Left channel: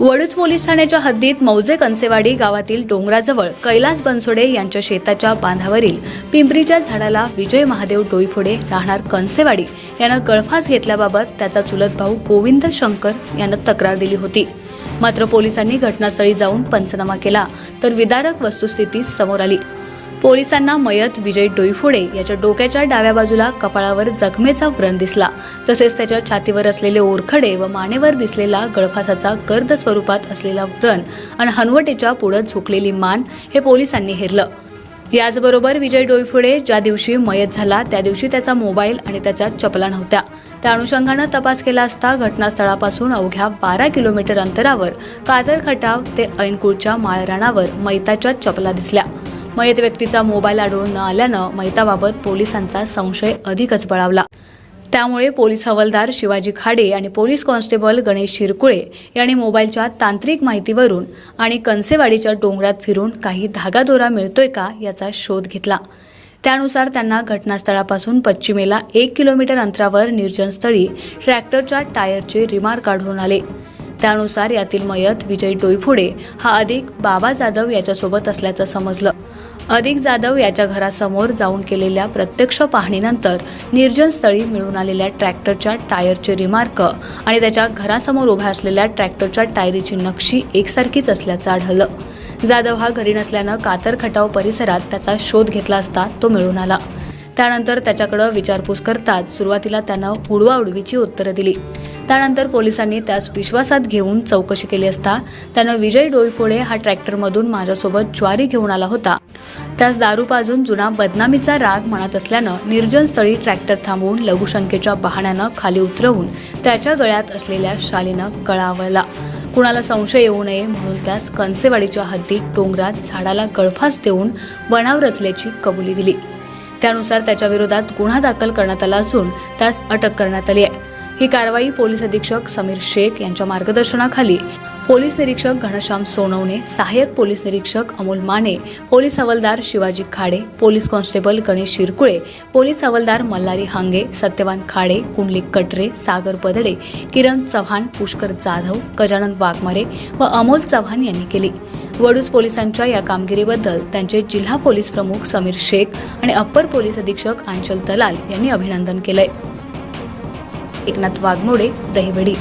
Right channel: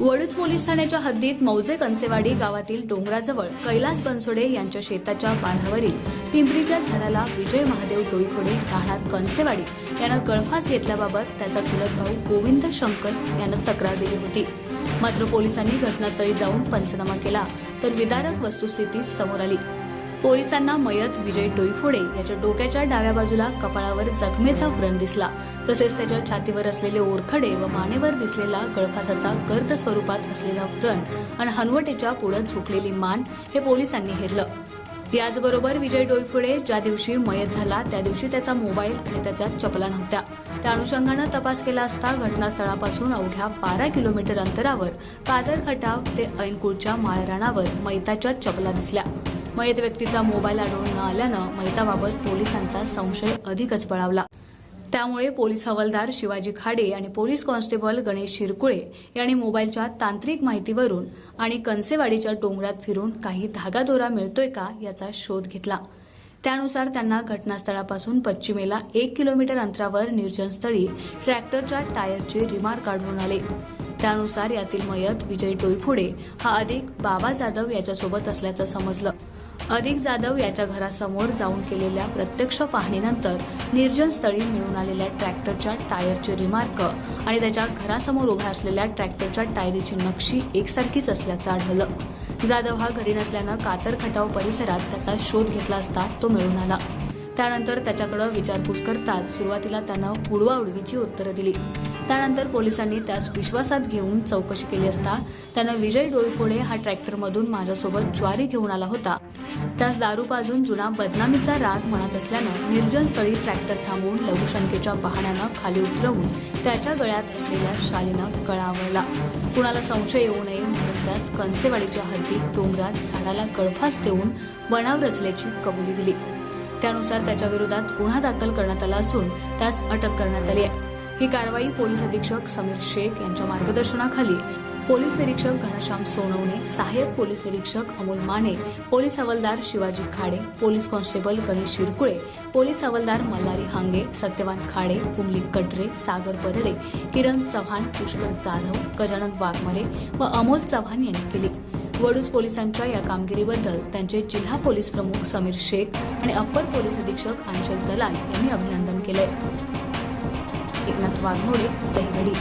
Vaduj police ठाण्याच्या हद्दीत मौजे कंसेवाडी गावातील डोंगराजवळ कैलास बनसोडे यांच्या शेताच्या बांधावरील पिंपरीच्या झाडाला विजय महादेव डोईफोडे राहणार कंसेवाडी यानं गळफास घेतल्याबाबत त्याचा चुलत भाऊ गोविंद शंकर यानं तक्रार दिली होती. मात्र पोलिसांनी घटनास्थळी जाऊन पंचनामा केला तर विदारक वस्तुस्थिती समोर आली. पोलिसांना मयत विजय डोईफोडे याच्या डोक्याच्या डाव्या बाजूला कपाळावर जखमेचा व्रण दिसला. तसेच त्याच्या छातीवर असलेले ओरखडे व मानेवर दिसलेला गळफासाचा गर्द स्वरूपात असलेला व्रण आणि हनवटेच्या पुढं झोकलेली मान हे पोलिसांनी हेरलं. याचबरोबर विजय डोईफोडे ज्या दिवशी मयत झाला त्या दिवशी त्याचा मोबाईल आणि त्याच्या चपला नव्हत्या त्या अनुषंगानं तपास केला असता घटनास्थळापासून अवघ्या बारा किलोमीटर अंतरावर काजर खटाव ते ऐनकुळच्या माळरानावर मैताच्या चपला दिसल्या. मयत व्यक्तीचा मोबाईल आढळून न आल्यानं मैताबाबत पोलिसांचा संशय अधिकच बळावला. त्यामुळे पोलीस हवालदार शिवाजी खाडे आणि पोलीस कॉन्स्टेबल गणेश शिरकुळे यांनी मोबाईलच्या तांत्रिक माहितीवरून आणि कनसेवाडीच्या डोंगरात फिरून काही धागादोरा मिळतोय का याचा शोध घेतला. त्यानुसार त्यांना घटनास्थळापासून पश्चिमेला एक किलोमीटर अंतरावर निर्जनस्थळी ट्रॅक्टरच्या टायरचे रिमार काढून आले. त्यानुसार यातील मयत विजय डोईफोडे हा अधिक बाबा जाधव याच्यासोबत असल्याचं समजलं. अधिक जाधव याच्या घरासमोर जाऊन केलेल्या प्रत्यक्ष पाहणीनंतर निर्जन स्थळी मिळून आलेल्या ट्रॅक्टरच्या टायरचे रिमार्क आणि त्याच्या घरासमोर उभ्या असलेल्या ट्रॅक्टरच्या टायरीची नक्षी एकसारखीच असल्याचं आढळलं. जाधव हा घरी नसल्यानं कातर खटाव परिसरात त्याचा शोध घेतला असता तो मिळून आला. त्यानंतर त्याच्याकडं विचारपूस करतात सुरुवातीला त्यानं उडवाउडवीची उत्तरं दिली. त्यानंतर पोलिसांनी त्यास विश्वासात घेऊन चौकशी केली असता त्यानं विजय डोईफोडे हा ट्रॅक्टरमधून माझ्यासोबत ज्वारी घेऊन आला होता. त्यास दारू पाजून जुना बदनामीचा राग म्हणत असल्यानं निर्जन स्थळी ट्रॅक्टर थांबवून लघुशंकेच्या बहाण्यानं खाली उतरवून त्याच्या गळ्यात असलेल्या शालीनं गळा कुणाला संशय येऊ नये म्हणून त्यास कणसेवाडीच्या हद्दीत डोंगरात झाडाला गळफास देऊन बनाव रचल्याची कबुली दिली. त्यानुसार त्याच्या विरोधात गुन्हा दाखल करण्यात आला असून त्यास अटक करण्यात आली आहे. ही कारवाई पोलीस अधीक्षक समीर शेख यांच्या मार्गदर्शनाखाली. पोलीस निरीक्षक घनश्याम सोनवणे सहाय्यक पोलीस निरीक्षक अमोल माने पोलीस हवालदार Shivaji Khade police constable Ganesh Shirkule police हवालदार मल्हारी हांगे सत्यवान खाडे कुंडलिक कटरे सागर पदडे किरण चव्हाण पुष्कर जाधव गजानन वाघमारे व अमोल चव्हाण यांनी केली. वडूज पोलिसांच्या या कामगिरीबद्दल त्यांचे जिल्हा पोलीस प्रमुख समीर शेख आणि अप्पर पोलीस अधीक्षक अंचल दलाल यांनी अभिनंदन केलंय. एकनाथ वाघमोडे दहिवडी.